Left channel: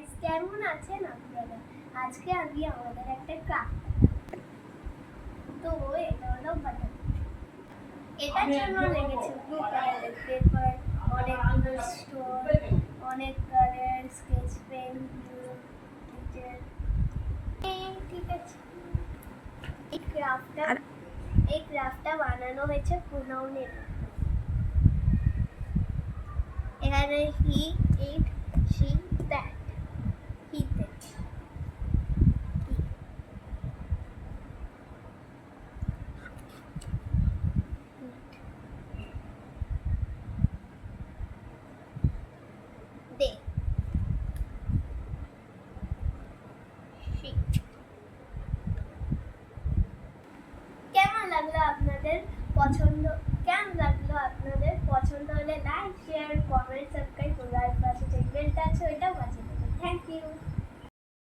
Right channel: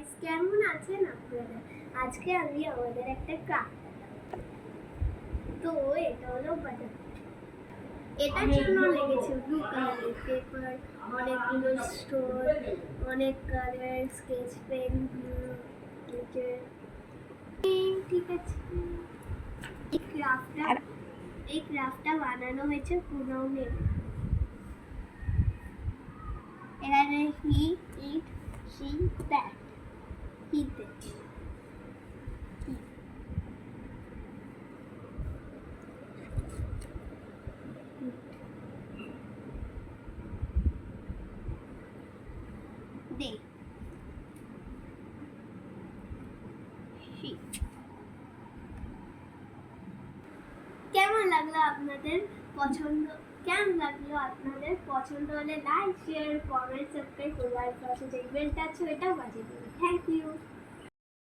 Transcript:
Guys, কেমন আছেন আপনারা? আজকে আমি আমাদের একটা ক্রাফট তো এটা হলো বাটন। এটার জন্য লেগেছে ব্লু কালারের পেপার, অনেকগুলো স্টোন, অনেক কালার, স্কেচ পেন, ঠিক আছে। এই ক্রাফটটা বানানো হয়েছে পুনৌনের। এখানে হি ইট শি দ্যাট হিতে দে কেমন লাগলো আপনাদের পছন্দ? হলে লাইক, শেয়ার, কমেন্ট, সাবস্ক্রাইব করে আর পাশে যে বেলটা আছে ওইটাও বাজিয়ে দেবেন। Thank you.